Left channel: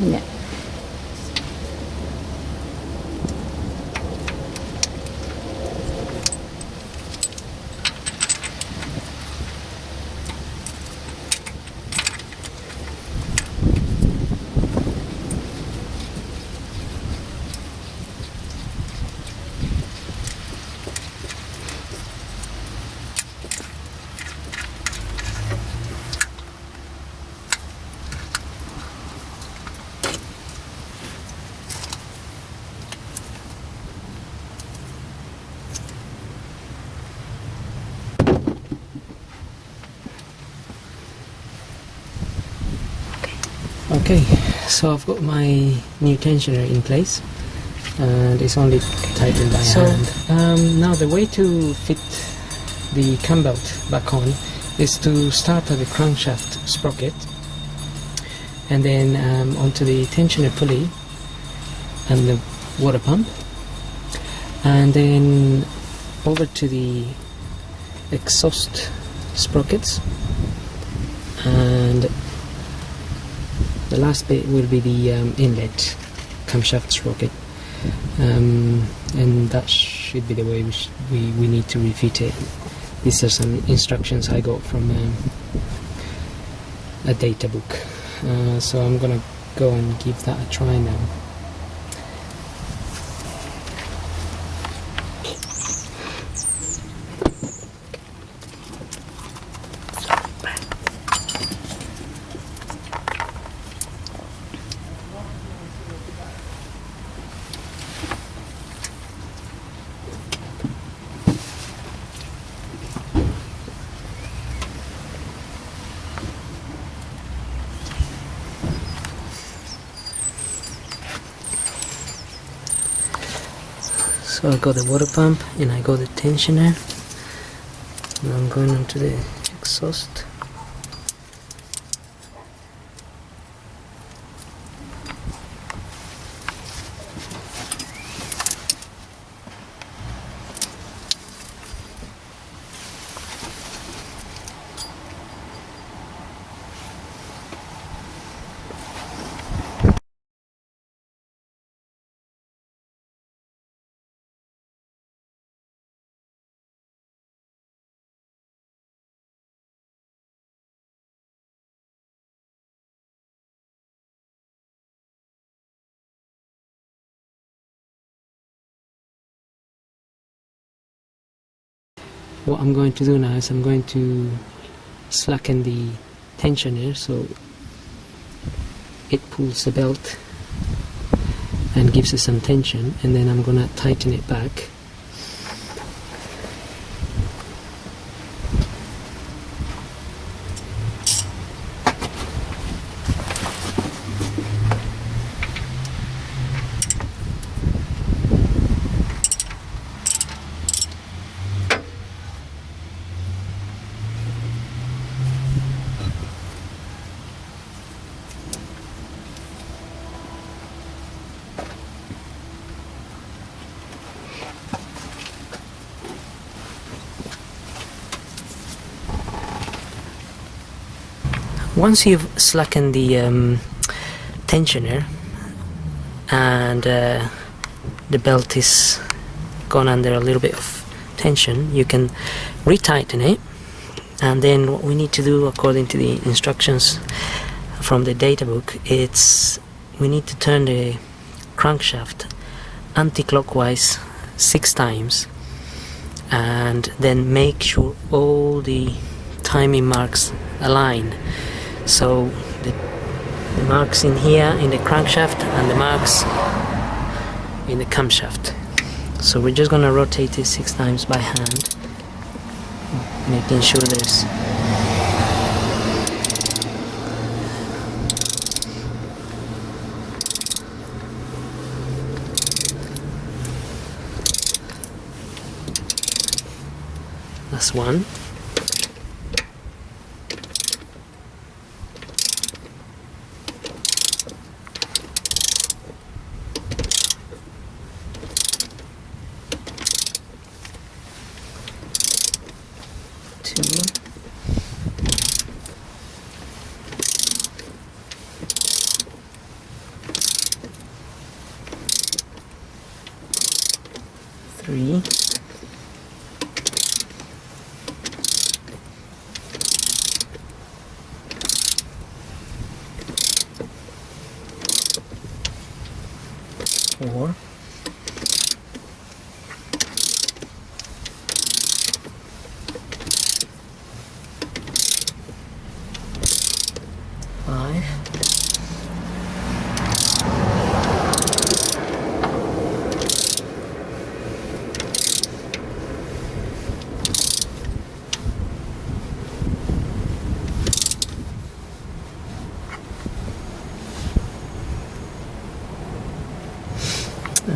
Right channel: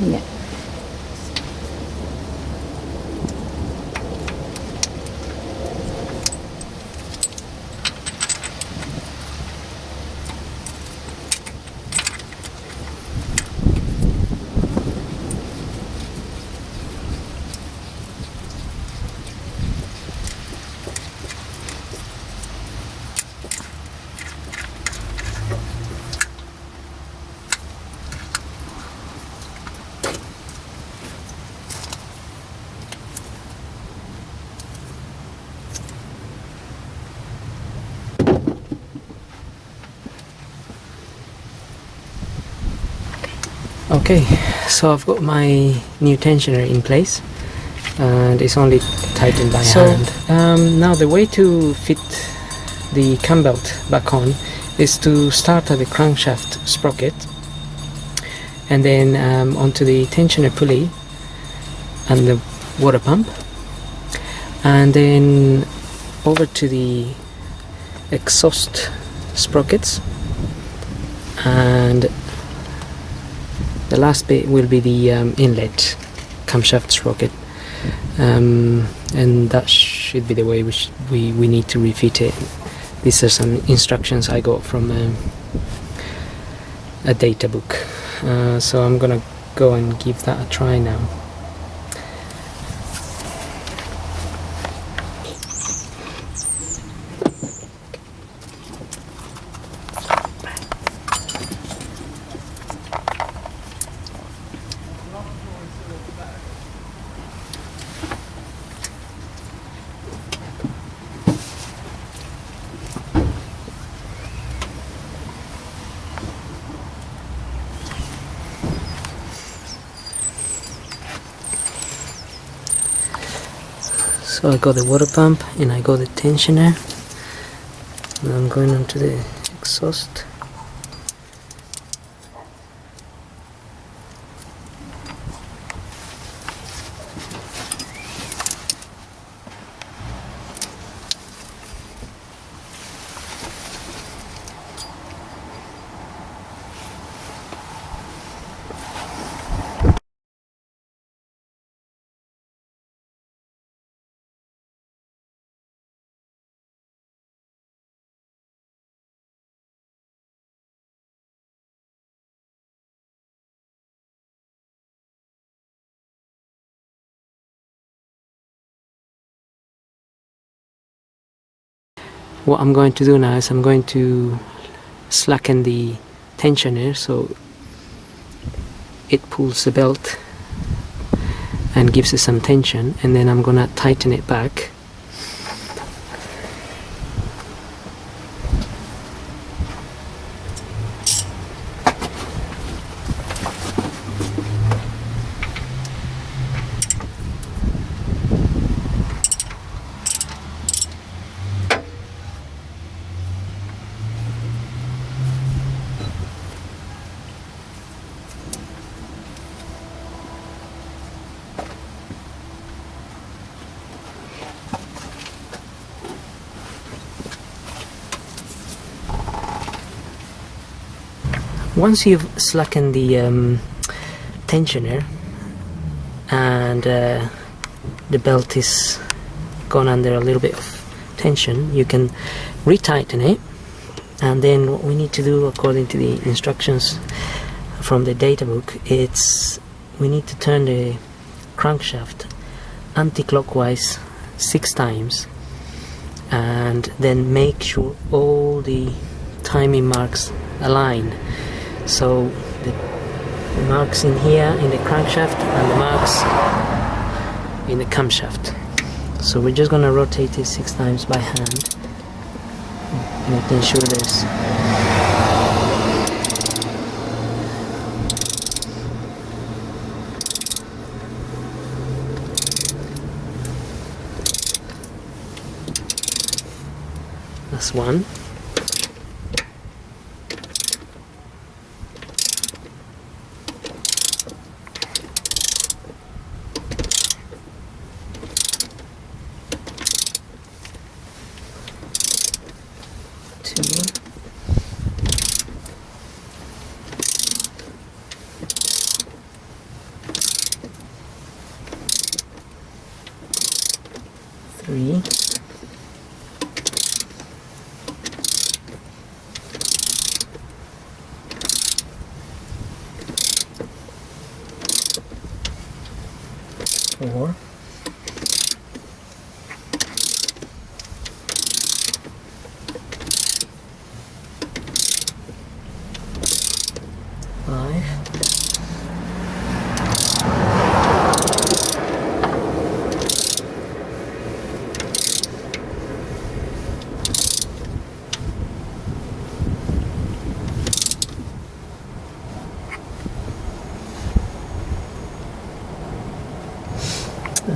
Yeah. Okay, so I've got my new tensioner in place and it's only tightened by hand. Now the way to fit the cam belt back on is to start at the crankshaft sprocket and then onto the tensioner pulley and the water pump, and then over to the exhaust sprockets, and the last bit will be the inlet camshaft sprocket, and that should be the way we need to refit it. These are some instructions I got from a data book, so I'm gonna go and give that a try now. So I got the water pump and I got the tensioner. Now I'm going on to the exhaust. What I'm going to do now is I'm going to slacken the tensioner so it pulls the belt and gives us some tension, and then I'm gonna tighten it back. Once you've slackened the tensioner and the belt is gone under a little bit of tension, you can retighten it, and then what we need to do according to the instructions from the data book, it's we need to turn the crankshaft anti-clockwise 6 times and then make sure all the timing marks align. So the marks in here in the crankshaft and the marks in the camshaft. So we're just gonna rotate it 6 times by hand, making sure there's that's one. 4, 5,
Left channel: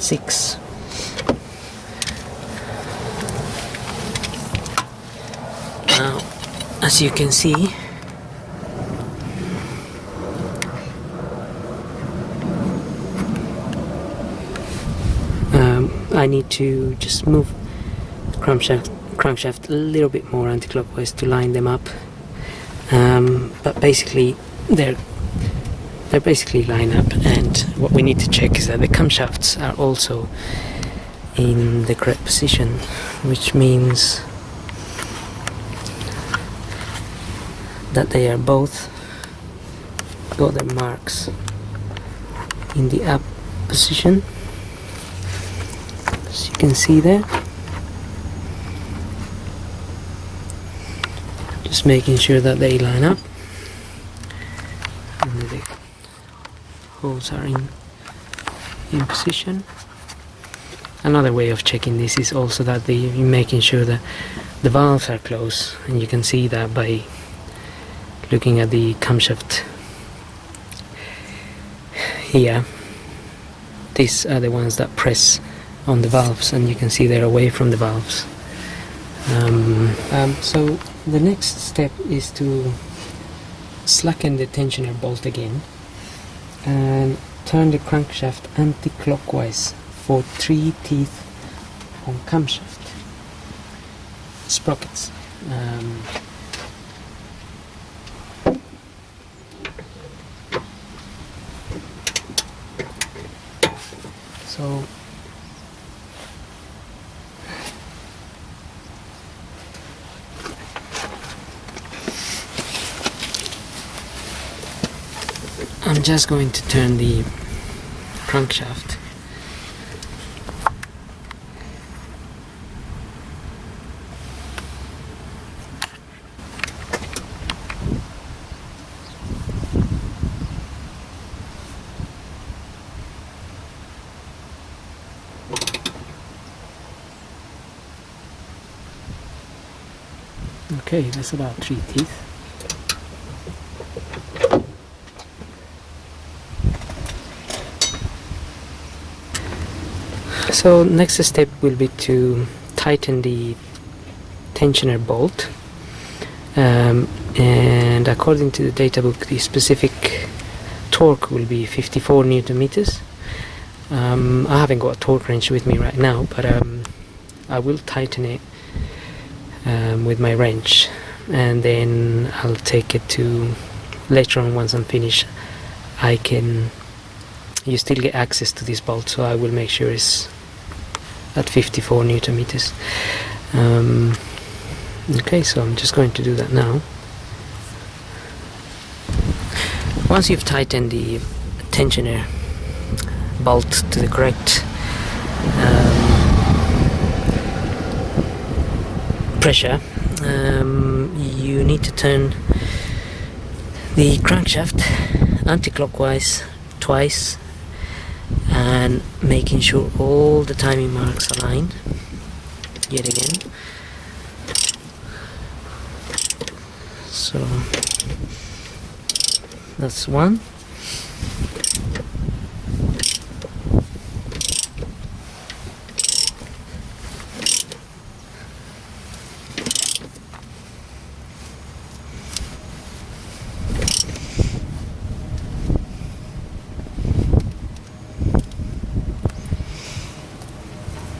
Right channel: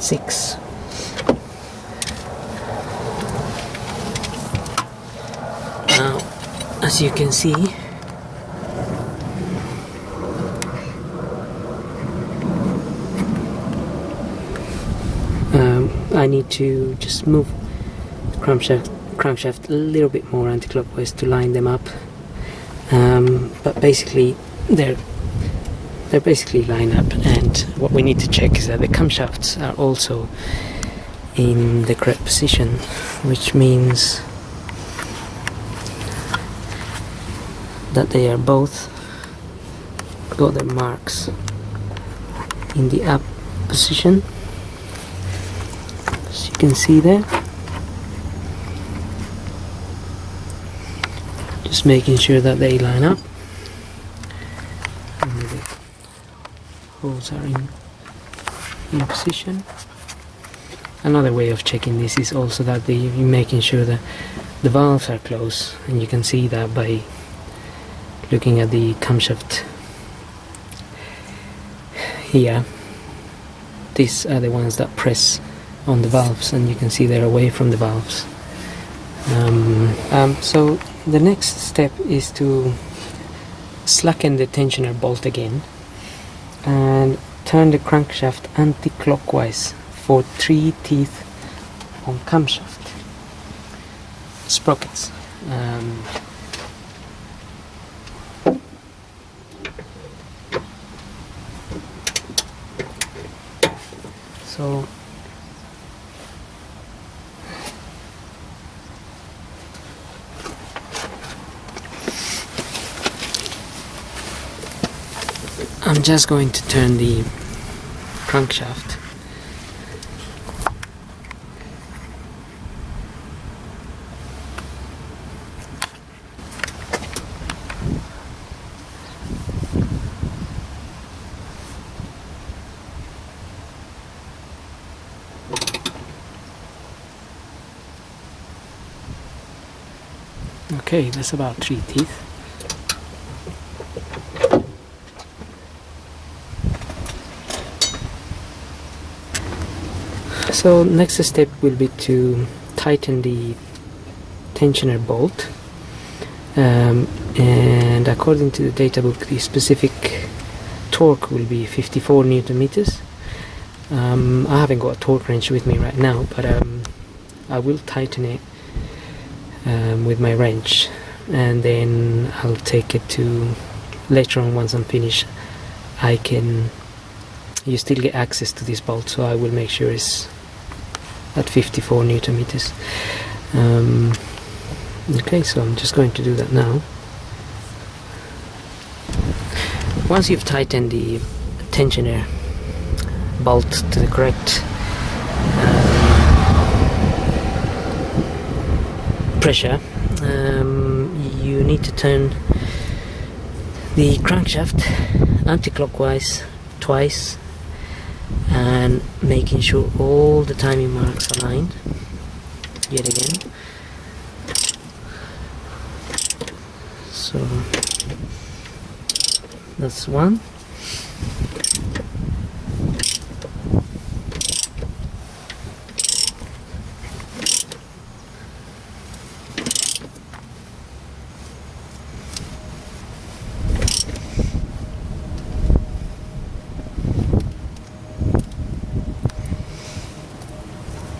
6. Now, as you can see, I need to just move the crankshaft a little bit more anti-clockwise to line them up, but basically they're basically line up, and what we need to check is that the camshafts are also in the correct position, which means that they are both got their marks in the up position, as you can see there. Just making sure that they line up and the holes are in position. Another way of checking this is also that you're making sure that the valves are closed, and you can see that by looking at the camshaft here. These are the ones that press on the valves, and you can see they're away from the valves. So the next step is to slacken the tensioner bolt again and turn the crankshaft anti-clockwise for 3 teeth on camshaft sprockets. So I'm just going to turn the crankshaft Okay, that's about 3 teeth. So next step will be to tighten the tensioner bolt, and according to the data book, the specific torque will be 54 Newton meters. I haven't got a torque wrench with me right now, but I will tighten it with my wrench, and then I'll take it to, later on once I'm finished, you still get access to this bolt, so I will make sure it's at 54 Newton meters. Okay, so I'm just going to do that now. Once you've tightened the tensioner bolt to the correct pressure, you need to turn the crankshaft anti-clockwise twice, and making sure all the timing marks are aligned yet again. So that's one.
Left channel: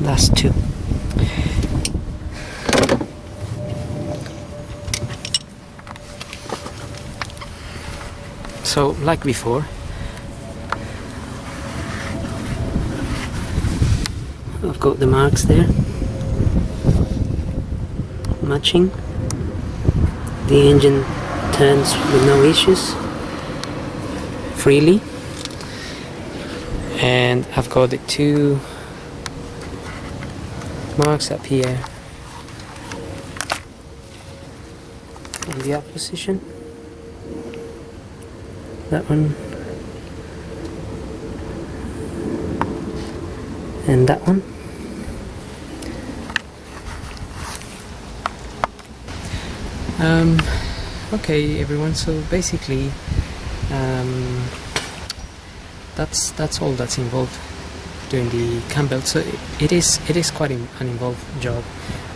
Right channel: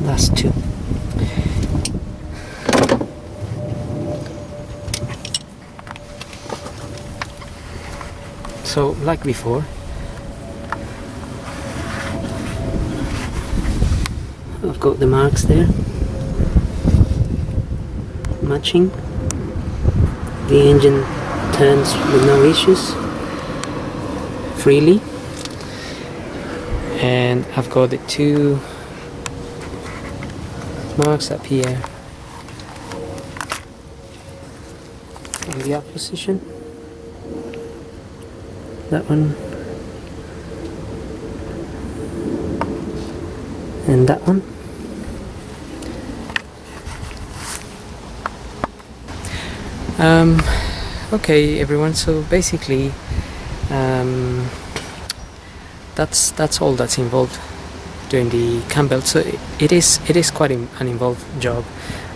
That's 2. So, like before, I've got the marks there, matching. The engine turns with no issues, freely, and I've got the two marks up here in the up position, that one and that one. Okay everyone, so basically that's all that's involved doing the cam belt. So it is quite an involved job.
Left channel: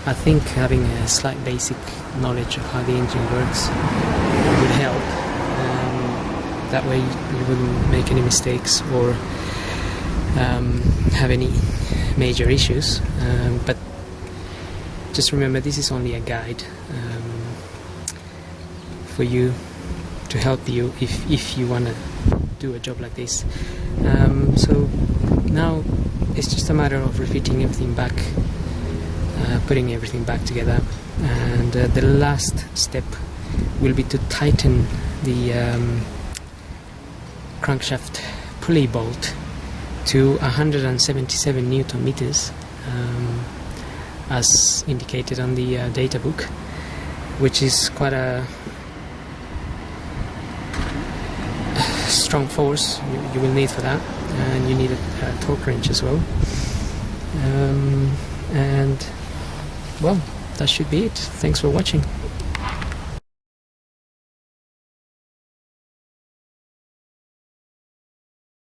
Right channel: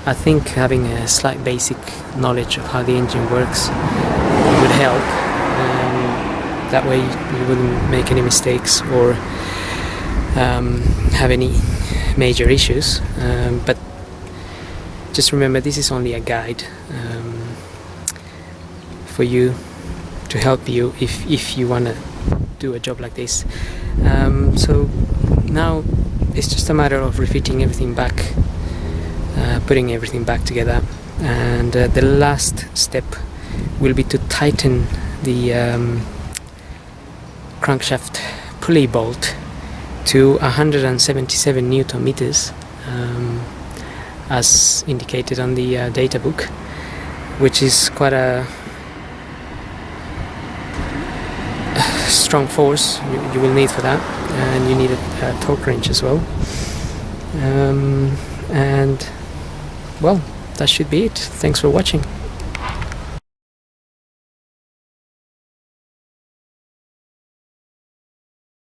I think having a slight basic knowledge of how the engine works would help. That way you wouldn't make any mistakes or have any major issues. But just remember, this is only a guide for you, to help you if you want to do a job like this. So now it's just a matter of refitting everything back, putting everything back together, and the last step will be to tighten the crankshaft pulley bolt to 177 Newton meters, as indicated on the data book, which is quite a strong force you will need for that, and you need a torque wrench as well. And well, that should be it. Thanks for watching.